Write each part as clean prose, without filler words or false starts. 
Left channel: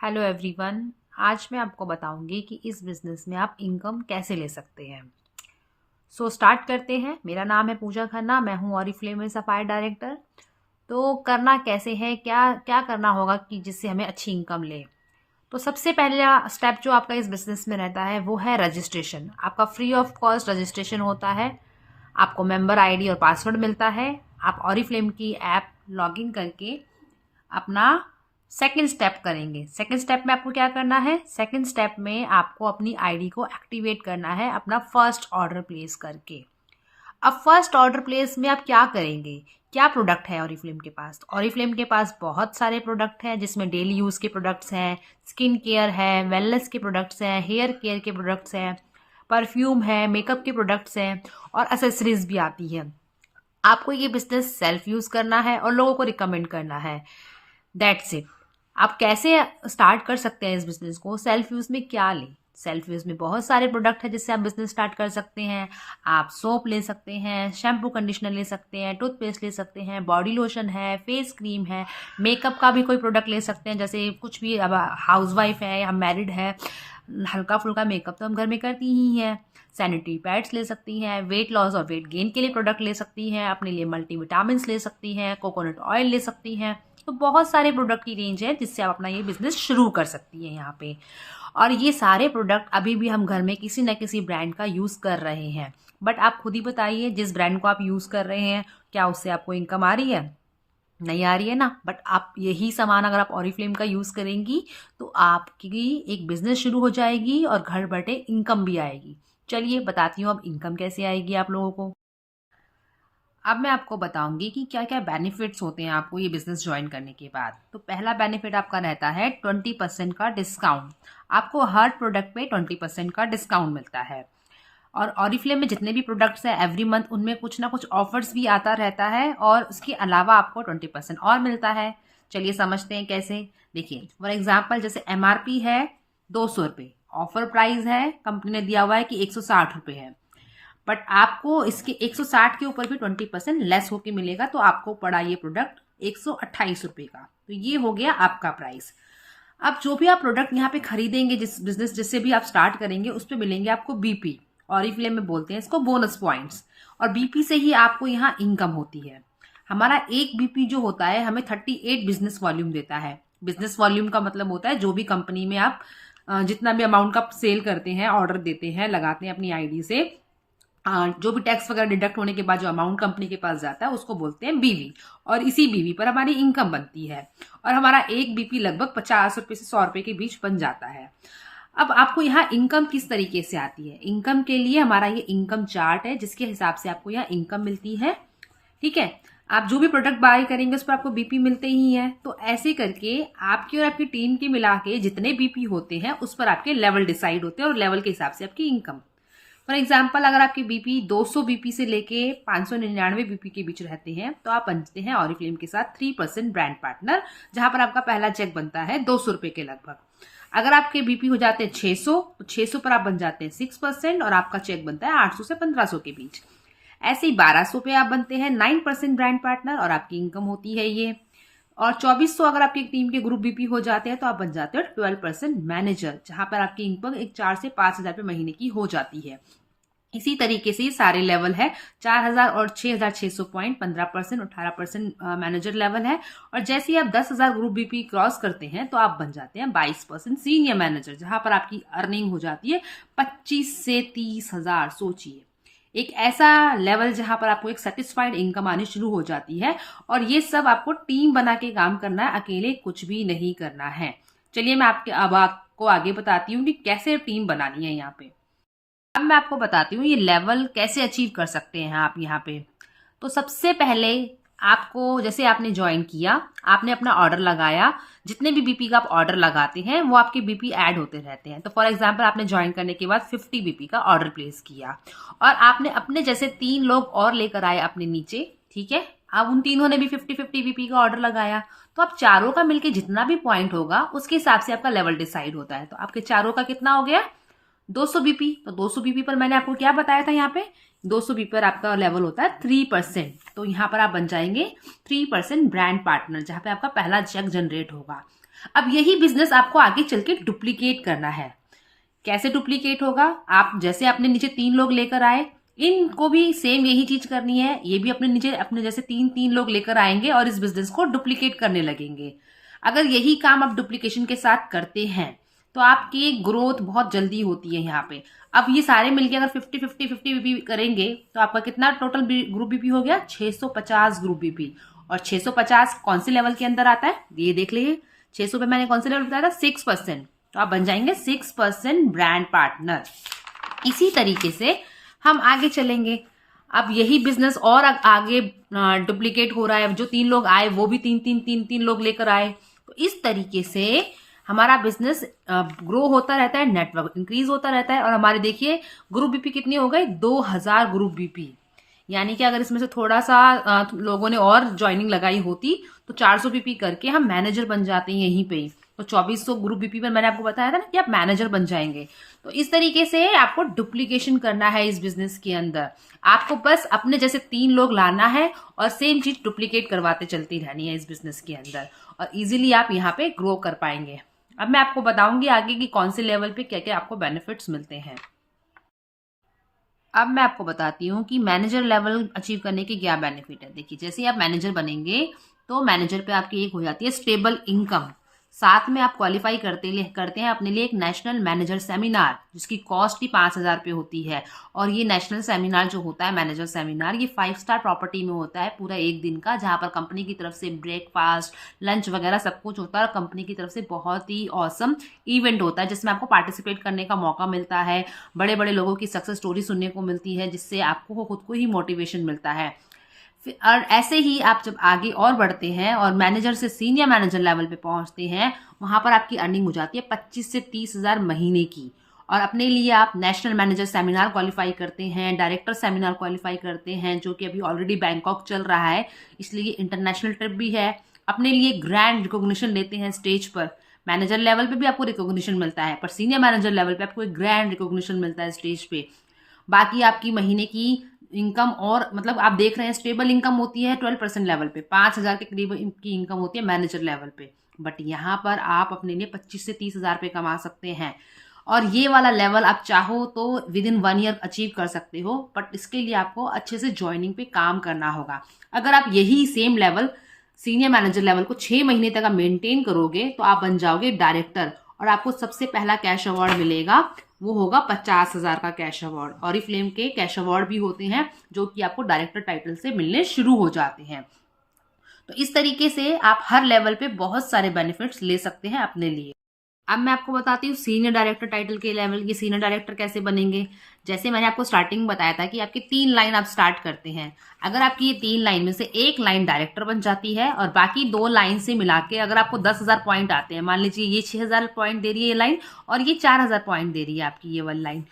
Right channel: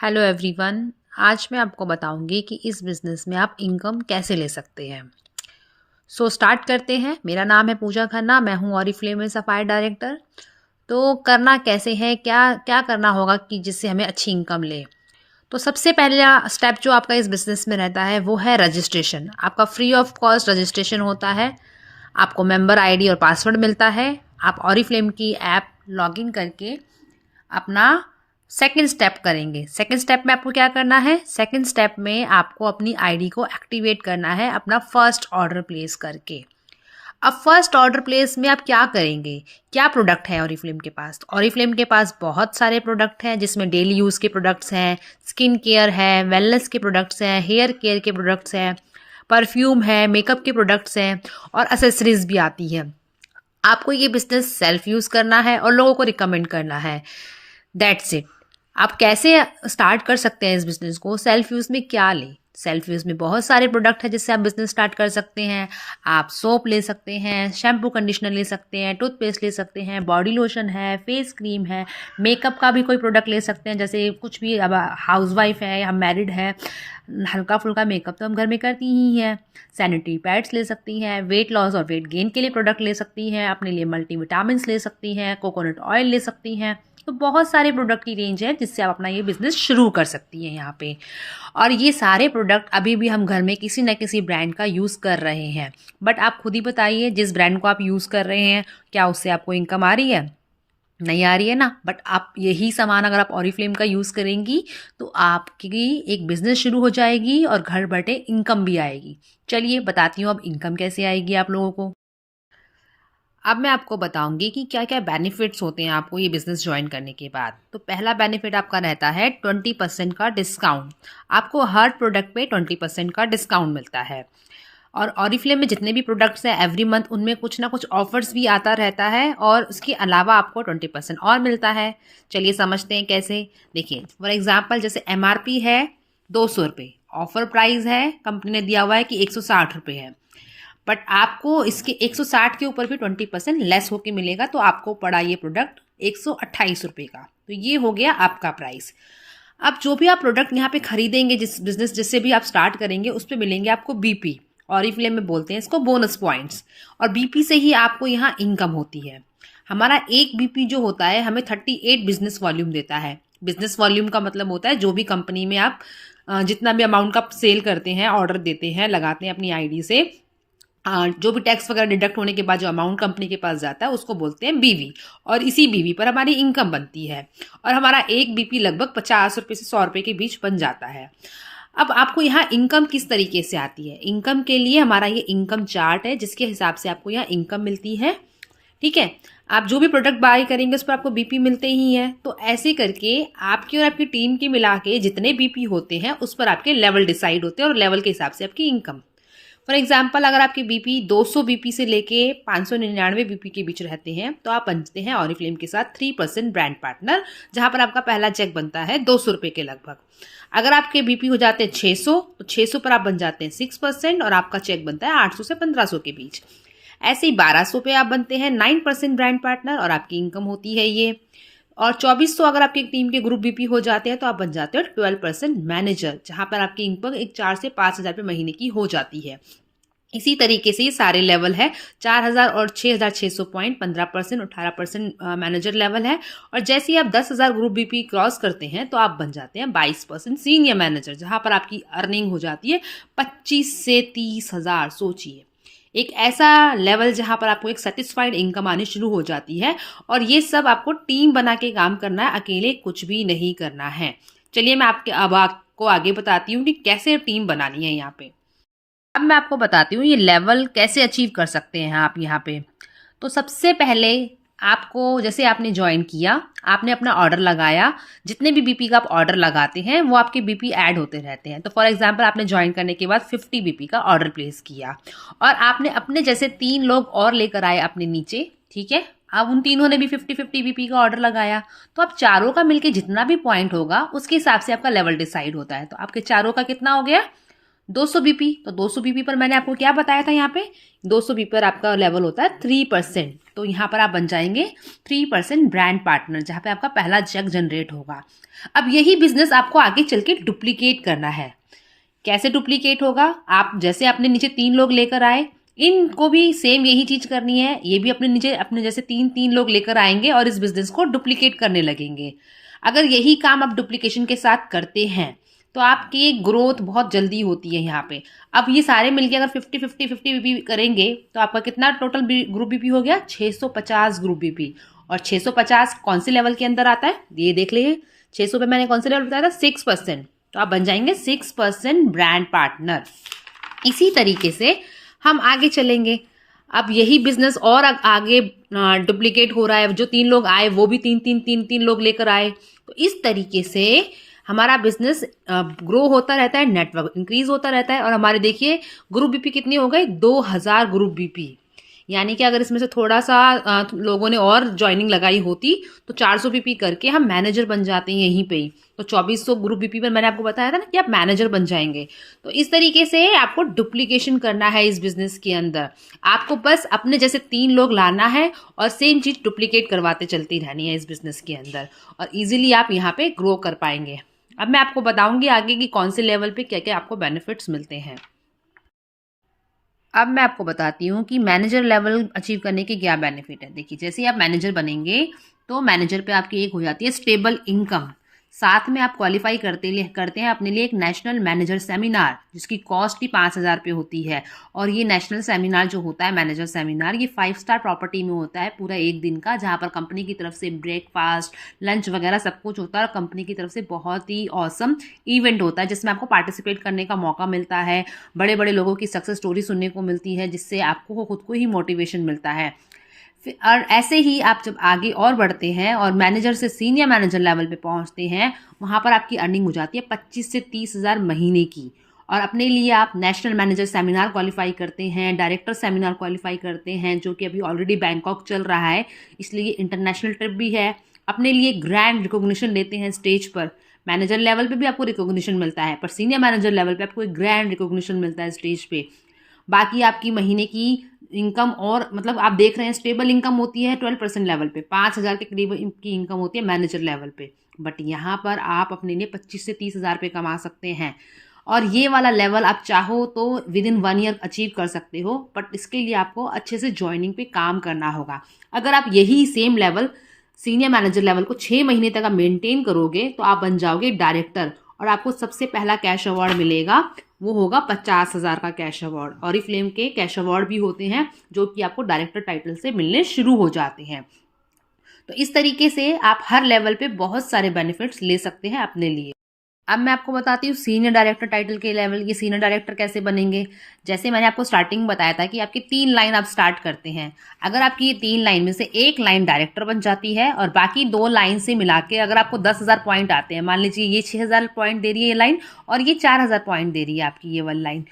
Hello everyone. आज मैं आपको बताऊंगी कि इस बिज़नेस में आप इनकम कैसे ले सकते हैं। स्टार्ट करते हैं। मेरा नाम है पूजा खन्ना, मैं हूँ ऑरिफ्लेम में सफायर डायरेक्टर। तो करना कैसे है, क्या क्या करना होगा कि जिससे हमें अच्छी इनकम ले। तो सबसे पहला स्टेप जो आपका इस बिज़नेस में रहता है वो है रजिस्ट्रेशन। आपका फ्री ऑफ कॉस्ट रजिस्ट्रेशन होता है। आपको मेंबर आईडी और पासवर्ड मिलता है। आप ऑरिफ्लेम की ऐप लॉगिन करके अपना सेकंड स्टेप करेंगे। सेकंड स्टेप में आपको क्या करना है, सेकंड स्टेप में आपको अपनी आईडी को एक्टिवेट करना है अपना फर्स्ट ऑर्डर प्लेस करके। अब फर्स्ट ऑर्डर प्लेस में आप क्या करेंगे, क्या प्रोडक्ट है ऑरिफ्लेम के पास। ऑरिफ्लेम के पास बहुत सारे प्रोडक्ट हैं जिसमें डेली यूज़ के प्रोडक्ट्स हैं, स्किन केयर है, वेलनेस के प्रोडक्ट्स हैं, हेयर केयर के प्रोडक्ट्स हैं, परफ्यूम है, मेकअप के प्रोडक्ट्स हैं और एसेसरीज भी आती है। आपको ये बिजनेस सेल्फ यूज़ करना है और लोगों को रिकमेंड करना है। That's it. आप कैसे स्टार्ट कर सकते हैं इस बिज़नेस को, सेल्फ यूज़ में क्या लें। सेल्फ यूज़ में बहुत सारे प्रोडक्ट हैं जिससे आप बिज़नेस स्टार्ट कर सकते हैं। आप सोप ले सकते हैं, शैम्पू कंडीशनर ले सकते हैं, टूथपेस्ट ले सकते हैं, बॉडी लोशन है, फेस क्रीम है, मेकअप का भी कोई प्रोडक्ट ले सकते हैं। जैसे कुछ भी, अब हाउस वाइफ है या मैरिड है, हल्का फुल्का मेकअप तो हम घर में करती ही हैं। सैनिटरी पैड्स ले सकती हैं, वेट लॉस और वेट गेन के लिए प्रोडक्ट ले सकती हैं, अपने लिए मल्टीविटामिन्स ले सकती हैं, कोकोनट ऑयल ले सकती हैं। तो बहुत सारे प्रोडक्ट की रेंज है जिससे आप अपना ये बिज़नेस शुरू कर सकती हैं यहाँ पे। और ये सारे प्रोडक्ट अभी भी हम घर में किसी न किसी ब्रांड का यूज़ कर रहे हैं। बट आप खुद ही बताइए, जिस ब्रांड को आप यूज़ कर रहे हैं क्या उससे आपको इनकम आ रही है? नहीं आ रही है ना। बट आप यही सामान अगर आप ऑरिफ्लेम का यूज़ करेंगी तो आपकी एक बिज़नेस शुरू हो जाएगी और घर बैठे इनकम भी आएगी। चलिए बताती हूँ अब इनकम कैसे आएगी आप लोगों को। अब मैं आपको बताऊंगी कि क्या क्या बेनिफिट्स होते हैं आपको ये बिज़नेस ज्वाइन करने के बाद। तो पहला बेनिफिट आपका रहता है 20% का डिस्काउंट। आपको हर प्रोडक्ट पे 20% का डिस्काउंट मिलता है। और ऑरिफ्लेम में जितने भी प्रोडक्ट्स हैं एवरी मंथ उनमें कुछ ना कुछ ऑफर्स भी आता रहता है और उसके अलावा आपको 20% और मिलता है। चलिए समझते हैं कैसे। देखिए फॉर एग्जाम्पल, जैसे MRP है 200 रुपये, ऑफर प्राइस है कंपनी ने दिया हुआ है कि 160 रुपये है। बट आपको इसके 160 के ऊपर भी 20% लेस होके मिलेगा, तो आपको पड़ा ये प्रोडक्ट 128 रुपये का। तो ये हो गया आपका प्राइस। अब जो भी आप प्रोडक्ट यहाँ पे खरीदेंगे, जिस बिजनेस जिससे भी आप स्टार्ट करेंगे उस पर मिलेंगे आपको BP। ऑरिफ्लेम में बोलते हैं इसको बोनस पॉइंट्स। और BP से ही आपको यहाँ इनकम होती है। हमारा एक BP जो होता है हमें 38 बिजनेस वॉल्यूम देता है। बिजनेस वॉल्यूम का मतलब होता है जो भी कंपनी में आप जितना भी अमाउंट का सेल करते हैं, ऑर्डर देते हैं, लगाते हैं अपनी आईडी से, जो भी टैक्स वगैरह डिडक्ट होने के बाद जो अमाउंट कंपनी के पास जाता है उसको बोलते हैं BV। और इसी BV पर हमारी इनकम बनती है। और हमारा एक BP लगभग 50 रुपये से 100 रुपये के बीच बन जाता है। अब आपको यहाँ इनकम किस तरीके से आती है, इनकम के लिए हमारा ये इनकम चार्ट है जिसके हिसाब से आपको यहाँ इनकम मिलती है। ठीक है। आप जो भी प्रोडक्ट बाय करेंगे उस पर आपको BP मिलते ही है। तो ऐसे करके आपकी और आपकी टीम के मिला के जितने BP होते हैं उस पर आपके लेवल डिसाइड होते हैं और लेवल के हिसाब से आपकी इनकम। फॉर एग्जाम्पल, अगर आपके BP 200 BP से लेके 599 BP के बीच रहते हैं तो आप बनते हैं ऑरिफ्लेम के साथ 3% ब्रांड पार्टनर, जहां पर आपका पहला चेक बनता है 200 रुपये के लगभग। अगर आपके BP हो जाते हैं 600 तो 600 पर आप बन जाते हैं 6% और आपका चेक बनता है 800 से 1500 के बीच। ऐसे ही 1200 पे आप बनते हैं 9% ब्रांड पार्टनर और आपकी इनकम होती है ये। और 2400 अगर आपकी टीम के ग्रुप BP हो जाते हैं तो आप बन जाते हो 12% मैनेजर, जहां पर आपकी इनकम एक 4 से 5 हज़ार रुपये महीने की हो जाती है। इसी तरीके से ये सारे लेवल है। 4000 और 6600 पॉइंट 15%, 18% मैनेजर लेवल है। और जैसे ही आप 10,000 ग्रुप BP क्रॉस करते हैं तो आप बन जाते हैं 22% सीनियर मैनेजर, जहां पर आपकी अर्निंग हो जाती है 25 से 30,000। सोचिए, एक ऐसा लेवल जहां पर आपको एक सेटिस्फाइड इनकम आनी शुरू हो जाती है। और ये सब आपको टीम बना के काम करना है, अकेले कुछ भी नहीं करना है। चलिए मैं अब आपको आगे बताती हूँ कि कैसे टीम बनानी है यहाँ पे। अब मैं आपको बताती हूँ ये लेवल कैसे अचीव कर सकते हैं आप यहाँ पे। तो सबसे पहले आपको, जैसे आपने ज्वाइन किया, आपने अपना ऑर्डर लगाया, जितने भी BP का आप ऑर्डर लगाते हैं वो आपके BP ऐड होते रहते हैं। तो फॉर एग्जांपल, आपने ज्वाइन करने के बाद 50 BP का ऑर्डर प्लेस किया और आपने अपने जैसे 3 लोग और लेकर आए अपने नीचे। ठीक है। अब उन तीनों ने भी 50-50 BP का ऑर्डर लगाया। तो आप चारों का मिलके जितना भी पॉइंट होगा उसके हिसाब से आपका लेवल डिसाइड होता है। तो आपके चारों का कितना हो गया? 200 BP। तो 200 BP पर मैंने आपको क्या बताया था, यहाँ पे 200 BP पर आपका लेवल होता है 3%। तो यहाँ पर आप बन जाएंगे 3% ब्रांड पार्टनर, जहाँ पे आपका पहला चेक जनरेट होगा। अब यही बिजनेस आपको आगे चल के डुप्लीकेट करना है। कैसे डुप्लीकेट होगा? आप जैसे अपने नीचे 3 लोग लेकर आए, इनको भी सेम यही चीज करनी है। ये भी अपने नीचे अपने जैसे 3 लोग लेकर आएंगे और इस बिजनेस को डुप्लीकेट करने लगेंगे। अगर यही काम आप डुप्लीकेशन के साथ करते हैं तो आपकी ग्रोथ बहुत जल्दी होती है यहाँ पे। अब ये सारे मिलके अगर 50-50-50 बीपी करेंगे तो आपका कितना टोटल ग्रुप बीपी हो गया? 650 ग्रुप बीपी। और 650 कौन से लेवल के अंदर आता है ये देख लीजिए। 600 पे मैंने कौन से लेवल बताया था? 6%। तो आप बन जाएंगे 6% ब्रांड पार्टनर। इसी तरीके से हम आगे चलेंगे। अब यही बिजनेस और आगे डुप्लीकेट हो रहा है। जो 3 लोग आए वो भी 3 लोग लेकर आए। तो इस तरीके से हमारा बिजनेस ग्रो होता रहता है, नेटवर्क इंक्रीज होता रहता है। और हमारे देखिए ग्रुप बीपी कितने हो गए? 2000 ग्रुप बीपी। यानी कि अगर इसमें से थोड़ा सा लोगों ने और ज्वाइनिंग लगाई होती तो 400 बीपी करके हम मैनेजर बन जाते हैं यहीं पे ही। तो 2400 ग्रुप बीपी पर मैंने आपको बताया था ना कि आप मैनेजर बन जाएंगे। तो इस तरीके से आपको डुप्लीकेशन करना है इस बिजनेस के अंदर। आपको बस अपने जैसे 3 लोग लाना है और सेम चीज डुप्लीकेट करवाते चलती रहनी है इस बिजनेस के अंदर, और इजीली आप यहाँ पे ग्रो कर पाएंगे। अब मैं आपको बताऊंगी आगे कि कौन से लेवल पे क्या क्या आपको बेनिफिट्स मिलते हैं। अब मैं आपको बताती हूँ कि मैनेजर लेवल अचीव करने के क्या बेनिफिट है। देखिए जैसे ही आप मैनेजर बनेंगे तो मैनेजर पे आपकी एक हो जाती है स्टेबल इनकम। साथ में आप क्वालिफाई करते हैं अपने लिए एक नेशनल मैनेजर सेमिनार, जिसकी कॉस्ट ही 5000 रुपये होती है। और ये नेशनल सेमिनार जो होता है मैनेजर सेमिनार, ये 5 स्टार प्रॉपर्टी में होता है पूरा एक दिन का, जहाँ पर कंपनी की तरफ से ब्रेकफास्ट लंच वगैरह सब कुछ होता है। और कंपनी की तरफ से बहुत ही ऑसम इवेंट होता है जिसमें आपको पार्टिसिपेट करने का मौका मिलता है। बड़े बड़े लोगों की सक्सेस स्टोरी सुनने को मिलती है, जिससे आपको खुद को ही मोटिवेशन मिलता है। और ऐसे ही आप जब आगे और बढ़ते हैं और मैनेजर से सीनियर मैनेजर लेवल पे पहुंचते हैं, वहां पर आपकी अर्निंग हो जाती है 25 से 30 हजार महीने की। और अपने लिए आप नेशनल मैनेजर सेमिनार क्वालिफाई करते हैं, डायरेक्टर सेमिनार क्वालिफाई करते हैं, जो कि अभी ऑलरेडी बैंकॉक चल रहा है, इसलिए इंटरनेशनल ट्रिप भी है। अपने लिए ग्रैंड रिकॉग्निशन लेते हैं स्टेज पर। मैनेजर लेवल पे भी आपको रिकॉग्निशन मिलता है, पर सीनियर मैनेजर लेवल पे आपको एक ग्रैंड रिकॉग्निशन मिलता है स्टेज पे। बाकी आपकी महीने की इनकम, और मतलब आप देख रहे हैं स्टेबल इनकम होती है 12% लेवल पे, 5000 के करीब की इनकम होती है मैनेजर लेवल पे। बट यहाँ पर आप अपने लिए 25 से 30 हजार रुपये कमा सकते हैं। और ये वाला लेवल आप चाहो तो विद इन 1 ईयर अचीव कर सकते हो, बट इसके लिए आपको अच्छे से ज्वाइनिंग पे काम करना होगा। अगर आप यही same level senior manager level को 6 महीने तक आप मेंटेन करोगे तो आप बन जाओगे डायरेक्टर। और आपको सबसे पहला कैश अवार्ड मिलेगा, वो होगा 50,000 का कैश अवार्ड। ऑरिफ्लेम के कैश अवार्ड भी होते हैं जो कि आपको डायरेक्टर टाइटल से मिलने शुरू हो जाते हैं। तो इस तरीके से आप हर लेवल पे बहुत सारे बेनिफिट्स ले सकते हैं अपने लिए। अब मैं आपको बताती हूँ सीनियर डायरेक्टर टाइटल के लेवल, ये सीनियर डायरेक्टर कैसे बनेंगे। जैसे मैंने आपको स्टार्टिंग में बताया था कि आपकी 3 लाइन आप स्टार्ट करते हैं। अगर आपकी ये 3 लाइन में से एक लाइन डायरेक्टर बन जाती है और बाकी 2 लाइन से मिला के अगर आपको 10,000 पॉइंट आते हैं, मान लीजिए ये 6,000 पॉइंट दे रही है ये लाइन और ये 4,000 पॉइंट दे रही है आपकी ये वाली लाइन,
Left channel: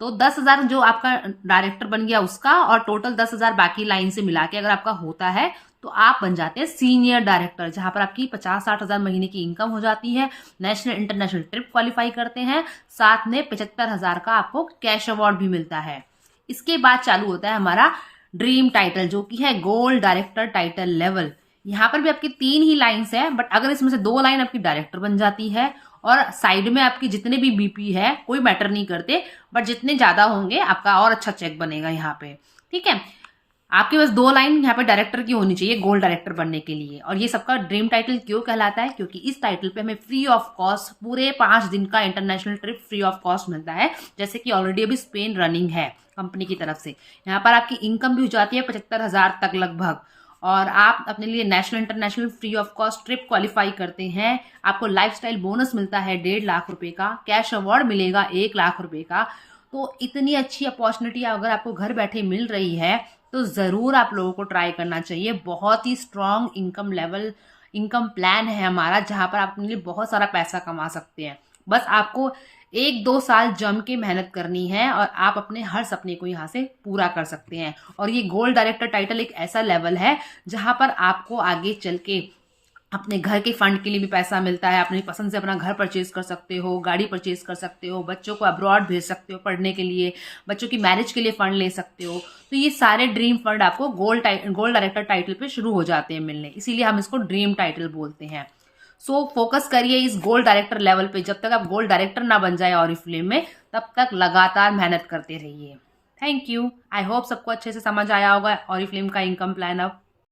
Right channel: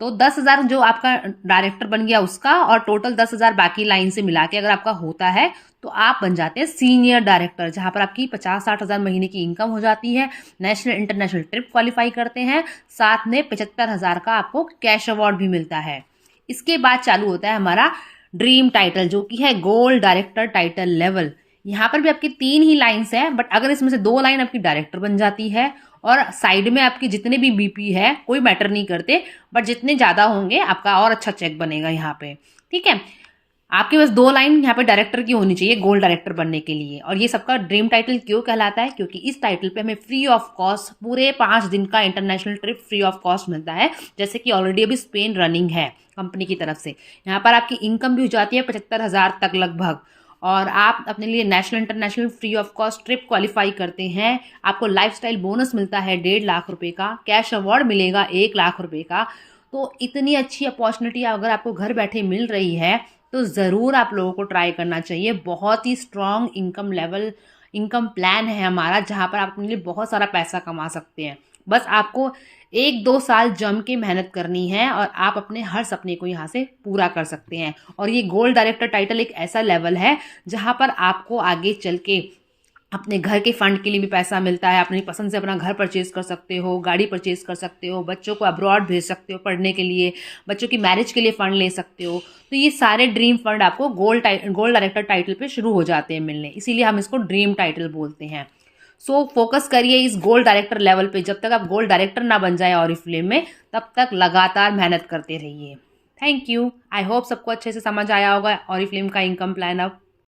तो 10,000 जो आपका डायरेक्टर बन गया उसका, और टोटल 10,000 बाकी लाइन से मिला के अगर आपका होता है तो आप बन जाते हैं सीनियर डायरेक्टर, जहां पर आपकी 50-60 हजार महीने की इनकम हो जाती है। नेशनल इंटरनेशनल ट्रिप क्वालिफाई करते हैं, साथ में 75,000 का आपको कैश अवार्ड भी मिलता है। इसके बाद चालू होता है हमारा ड्रीम टाइटल, जो कि है गोल्ड डायरेक्टर टाइटल लेवल। यहाँ पर भी आपकी 3 ही लाइन्स है, बट अगर इसमें से 2 लाइन आपकी डायरेक्टर बन जाती है और साइड में आपकी जितने भी बीपी है कोई मैटर नहीं करते, बट जितने ज्यादा होंगे आपका और अच्छा चेक बनेगा यहाँ पे। ठीक है, आपके पास 2 लाइन यहाँ पे डायरेक्टर की होनी चाहिए गोल्ड डायरेक्टर बनने के लिए। और ये सबका ड्रीम टाइटल क्यों कहलाता है? क्योंकि इस टाइटल पे हमें फ्री ऑफ कॉस्ट पूरे 5 दिन का international trip free of cost मिलता है, जैसे कि ऑलरेडी अभी स्पेन रनिंग है कंपनी की तरफ से। यहाँ पर आपकी इनकम भी हो जाती है 75,000 तक लगभग, और आप अपने लिए national international free of cost trip qualify करते हैं। आपको लाइफस्टाइल बोनस मिलता है 1.5 लाख रुपए का, कैश अवार्ड मिलेगा 1 लाख रुपए का। तो इतनी अच्छी अपॉर्चुनिटी अगर आपको घर बैठे मिल रही है तो ज़रूर आप लोगों को ट्राई करना चाहिए। बहुत ही स्ट्रॉन्ग इनकम प्लान है हमारा, जहाँ पर आप अपने लिए बहुत सारा पैसा कमा सकते हैं। बस आपको 1-2 साल जम के मेहनत करनी है और आप अपने हर सपने को यहाँ से पूरा कर सकते हैं। और ये गोल्ड डायरेक्टर टाइटल एक ऐसा लेवल है जहाँ पर आपको आगे चल के अपने घर के फंड के लिए भी पैसा मिलता है। अपनी पसंद से अपना घर परचेज कर सकते हो, गाड़ी परचेज कर सकते हो, बच्चों को अब्रॉड भेज सकते हो पढ़ने के लिए, बच्चों की मैरिज के लिए फंड ले सकते हो। तो ये सारे ड्रीम फंड आपको गोल्ड डायरेक्टर टाइटल पे शुरू हो जाते हैं मिलने, इसीलिए हम इसको ड्रीम टाइटल बोलते हैं। सो फोकस करिए इस गोल्ड डायरेक्टर लेवल पे। जब तक आप गोल्ड डायरेक्टर ना बन जाए ऑरिफ्लेम में, तब तक लगातार मेहनत करते रहिए। Thank you. आई होप सबको अच्छे से समझ आया होगा ऑरिफ्लेम का इनकम प्लान अब।